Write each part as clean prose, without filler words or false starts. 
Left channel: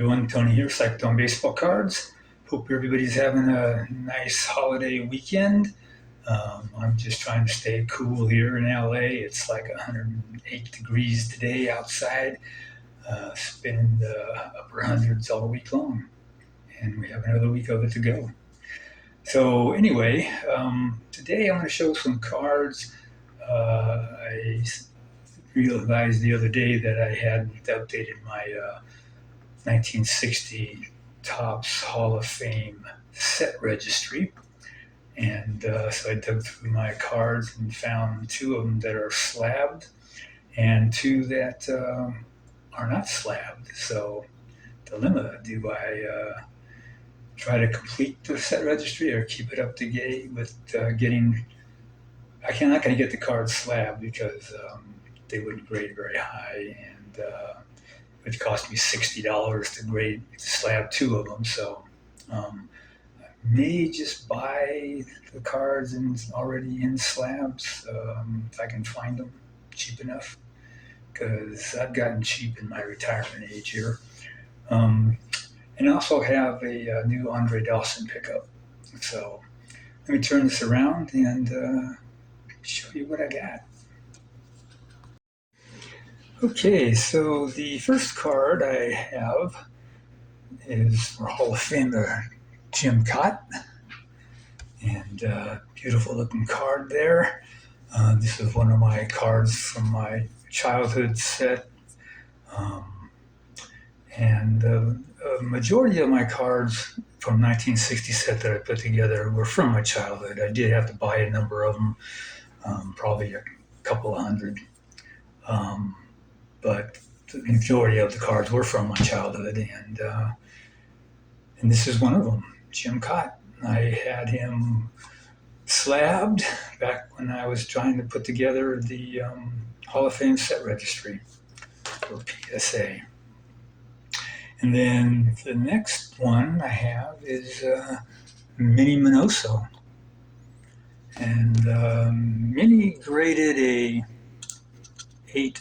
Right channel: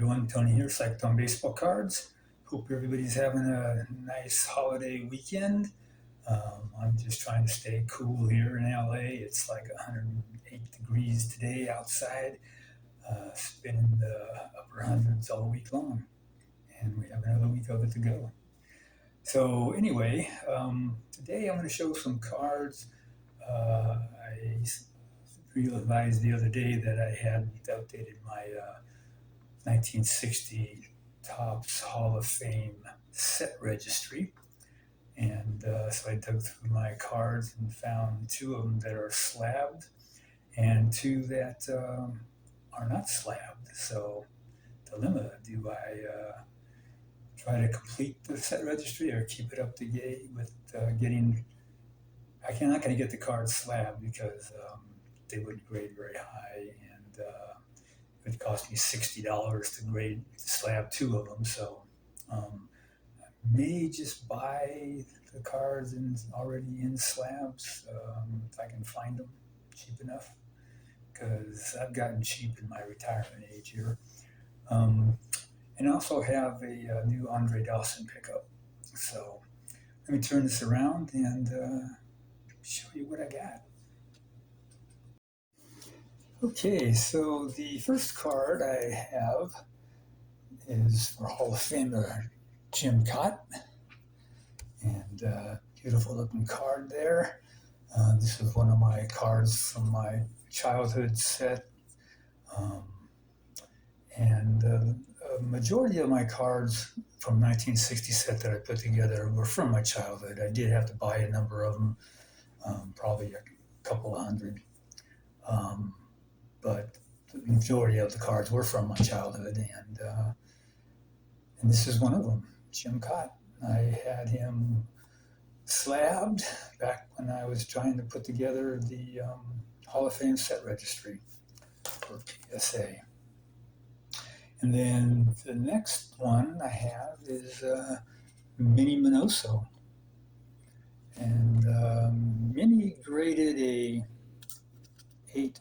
everyone, Tony here, Psych'd Baseball Cards. Hope everybody's having a nice holiday weekend. I'm just trying to stay cool here in LA. It's like 108 degrees today outside. It's been in the upper hundreds all week long, and we have another week of it to go. So anyway, today I'm going to show some cards. I realized the other day that I hadn't updated my 1960 Topps Hall of Fame set registry. And so I dug through my cards and found two of them that are slabbed and two that are not slabbed. So, dilemma, do I try to complete the set registry or keep it up to date with getting. I'm not going to get the cards slabbed because they wouldn't grade very high, and it would cost me $60 to slab two of them. So I may just buy the cards already in slabs if I can find them cheap enough, because I've gotten cheap in my retirement age here. And I also have a new Andre Dawson pickup. So let me turn this around and show you what I got. Okay, so the first card I have is for Hall of Famer Jim Cott, and beautiful looking card there. This is one of my cards from my childhood set, and a majority of my cards from 1960 set that I put together were from my childhood. I did have to buy a number of them, probably a couple of hundred, but the majority of the cards were from my childhood, and this is one of them, Jim Cott. I had him slabbed back when I was trying to put together the Hall of Fame set registry for PSA. And then the next one I have is Minnie Minoso. And Minnie graded a 8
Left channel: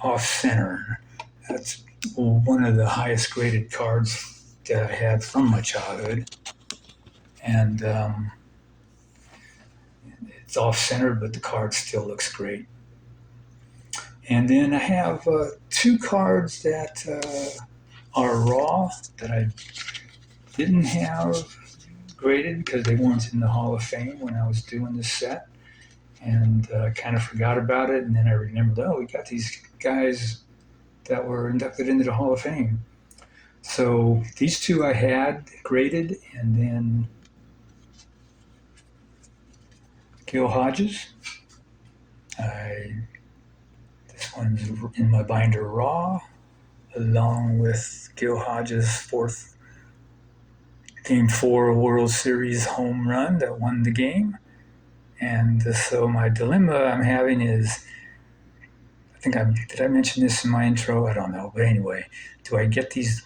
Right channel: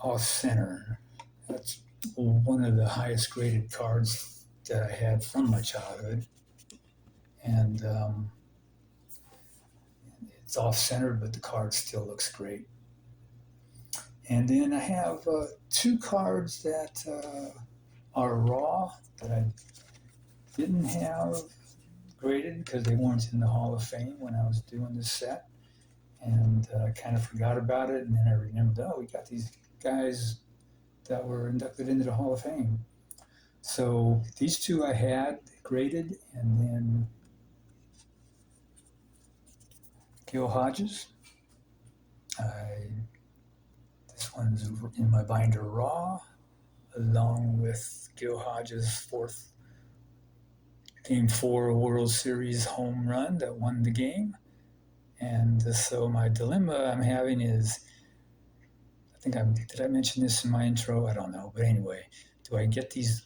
off center. That's one of the highest graded cards that I had from my childhood. And it's off center, but the card still looks great. And then I have two cards that are raw that I didn't have graded because they weren't in the Hall of Fame when I was doing this set, and kind of forgot about it. And then I remembered, we got these guys that were inducted into the Hall of Fame. So these two I had graded, and then Gil Hodges. This one's in my binder raw, along with Gil Hodges' fourth Game 4 World Series home run that won the game. And so my dilemma I'm having is, did I mention this in my intro? I don't know. But anyway, do I get these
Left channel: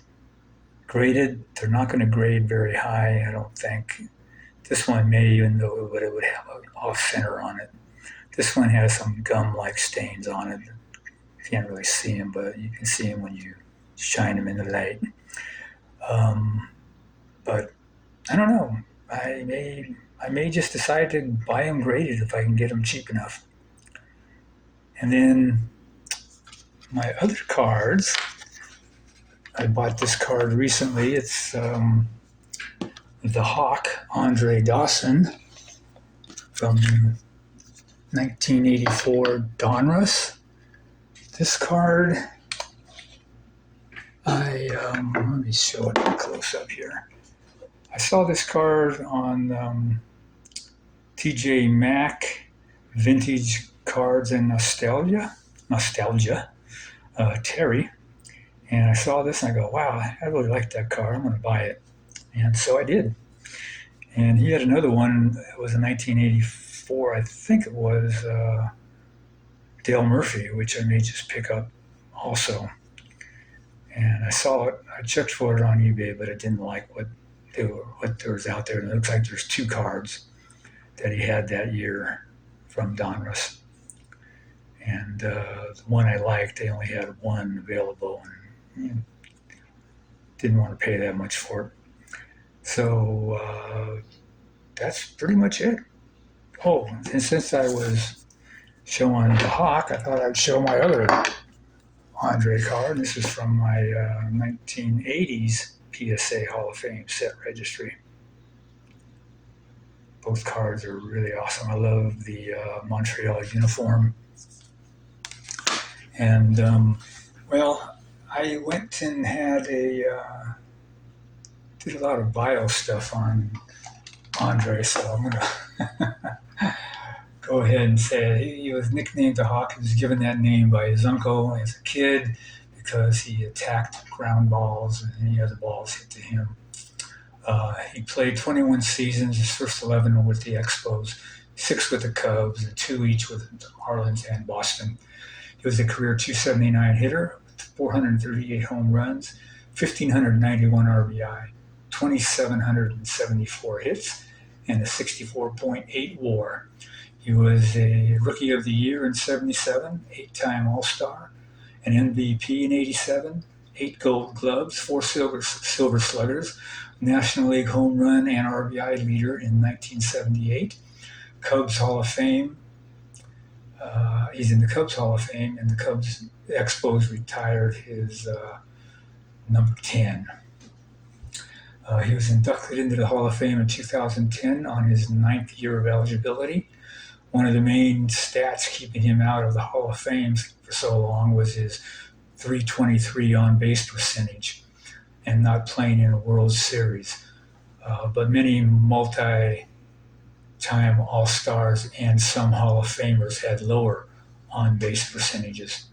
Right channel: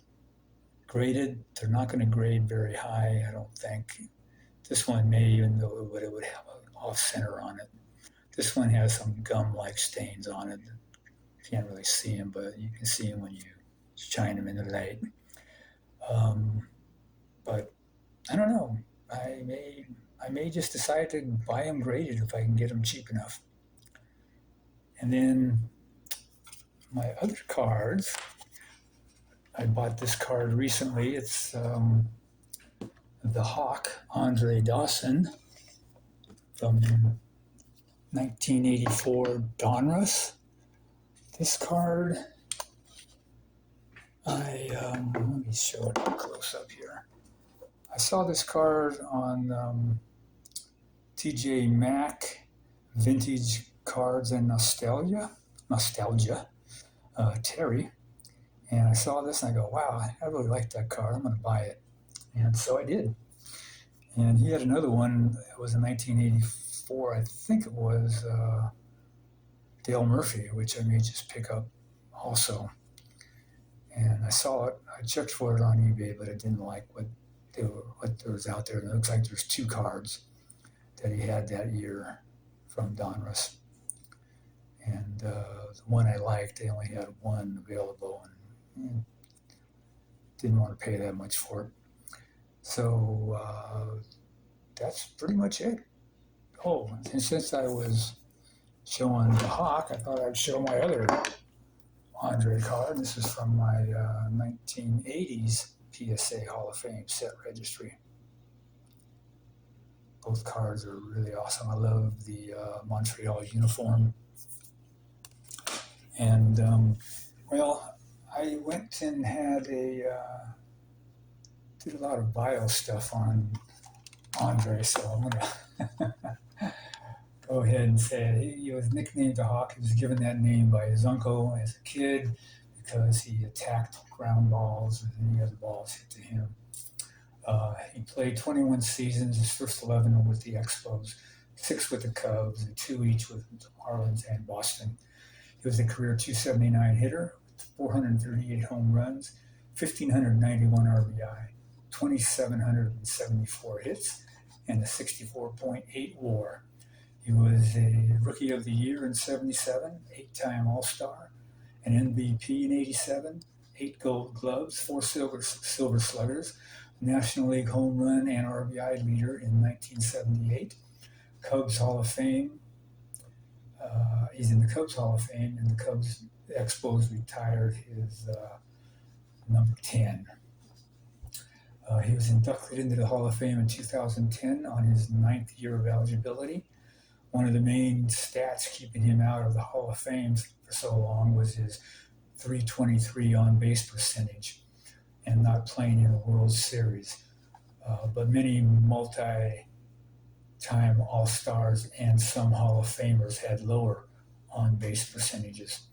graded? They're not going to grade very high, I don't think. This one may, even though it would have an off center on it. This one has some gum-like stains on it. You can't really see them, but you can see them when you shine them in the light. But I don't know. I may just decide to buy them graded if I can get them cheap enough. And then my other cards, I bought this card recently. It's the Hawk, Andre Dawson, from 1984 Donruss. This card, let me show it close up here. I saw this card on TJ Maxx Vintage Cards and Nostalgia, Terry. And I saw this and I go, wow, I really like that card. I'm going to buy it. And so I did. And he had another one that was in 1984, I think it was Dale Murphy, which I may just pick up also. And I saw it, I checked for it on eBay, but I didn't like what there was out there. And it looks like there's two cards that he had that year from Donruss. And the one I liked, they only had one available. And didn't want to pay that much for it. So that's pretty much it. Oh, and since I was showing the Hawk, I thought I'd show my other Andre card. This is from my 1980s PSA Hall of Fame set registry. Both cards are really awesome. I love the Montreal uniform. And, well, I went and did a lot of bio stuff on Andre, so I'm going to go ahead and say he was nicknamed the Hawk. He was given that name by his uncle as a kid because he attacked ground balls and any other balls hit to him. He played 21 seasons, his first 11 were with the Expos, 6 with the Cubs, and 2 each with the Marlins and Boston. He was a career .279 hitter with 438 home runs, 1,591 RBI, 2,774 hits, and a 64.8 WAR. He was a Rookie of the Year in '77, 8-time All-Star, an MVP in '87, 8 Gold Gloves, 4 Silver Sluggers, National League home run and RBI leader in 1978, Cubs Hall of Fame. He's in the Cubs Hall of Fame, and the Expos retired his number 10. He was inducted into the Hall of Fame in 2010 on his 9th year of eligibility. One of the main stats keeping him out of the Hall of Fame for so long was his .323 on-base percentage and not playing in a World Series. But many multi-time All-Stars and some Hall of Famers had lower on-base percentages.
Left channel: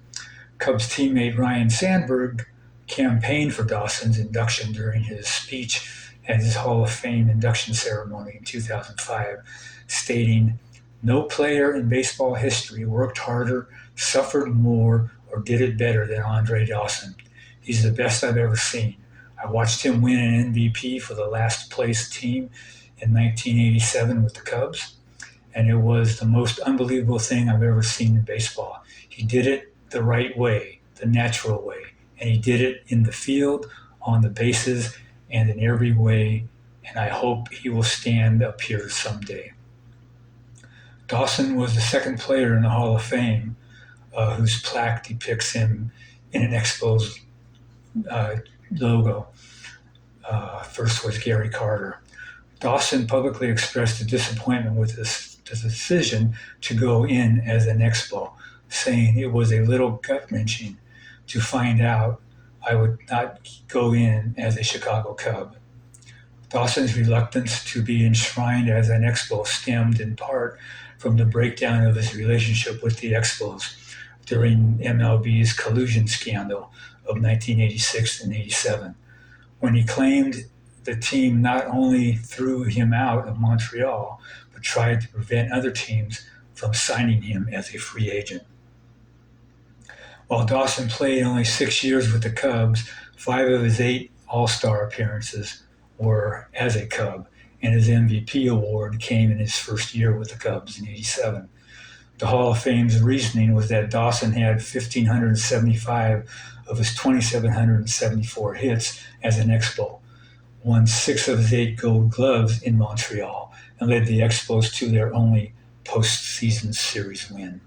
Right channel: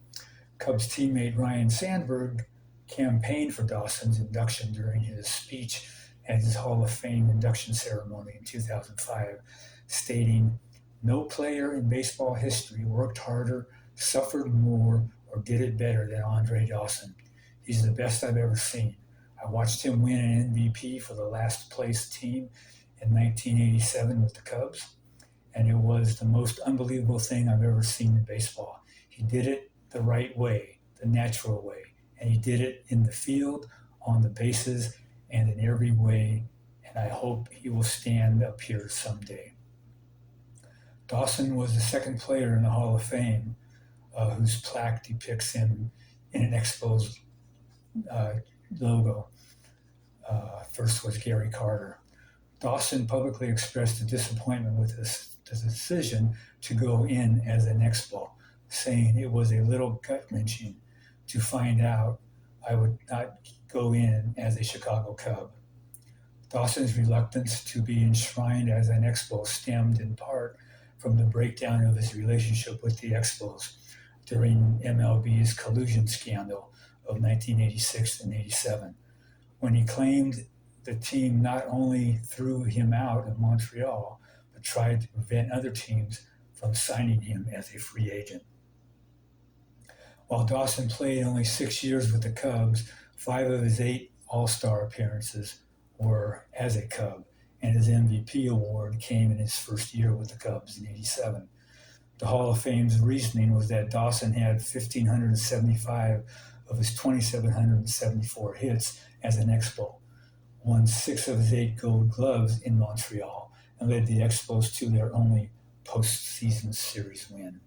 Cubs teammate Ryan Sandberg campaigned for Dawson's induction during his speech at his Hall of Fame induction ceremony in 2005, stating, "No player in baseball history worked harder, suffered more, or did it better than Andre Dawson. He's the best I've ever seen. I watched him win an MVP for the last place team in 1987 with the Cubs, and it was the most unbelievable thing I've ever seen in baseball. He did it the right way, the natural way, and he did it in the field, on the bases, and in every way, and I hope he will stand up here someday." Dawson was the second player in the Hall of Fame whose plaque depicts him in an Expos logo. First was Gary Carter. Dawson publicly expressed a disappointment with the decision to go in as an Expo, saying it was a little gut-wrenching to find out I would not go in as a Chicago Cub. Dawson's reluctance to be enshrined as an Expo stemmed in part from the breakdown of his relationship with the Expos during MLB's collusion scandal of 1986 and '87, when he claimed the team not only threw him out of Montreal, but tried to prevent other teams from signing him as a free agent. While Dawson played only 6 years with the Cubs, 5 of his 8 All-Star appearances were as a Cub, and his MVP award came in his first year with the Cubs in '87. The Hall of Fame's reasoning was that Dawson had 1,575 of his 2,774 hits as an Expo, won 6 of his 8 Gold Gloves in Montreal, and led the Expos to their only postseason series win.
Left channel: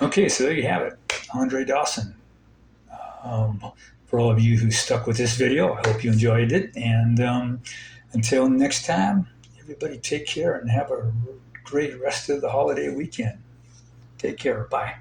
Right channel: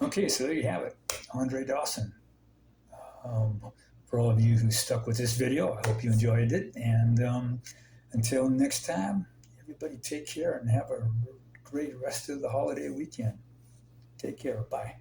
Okay, so there you have it, Andre Dawson. For all of you who stuck with this video, I hope you enjoyed it. And until next time, everybody take care and have a great rest of the holiday weekend. Take care. Bye.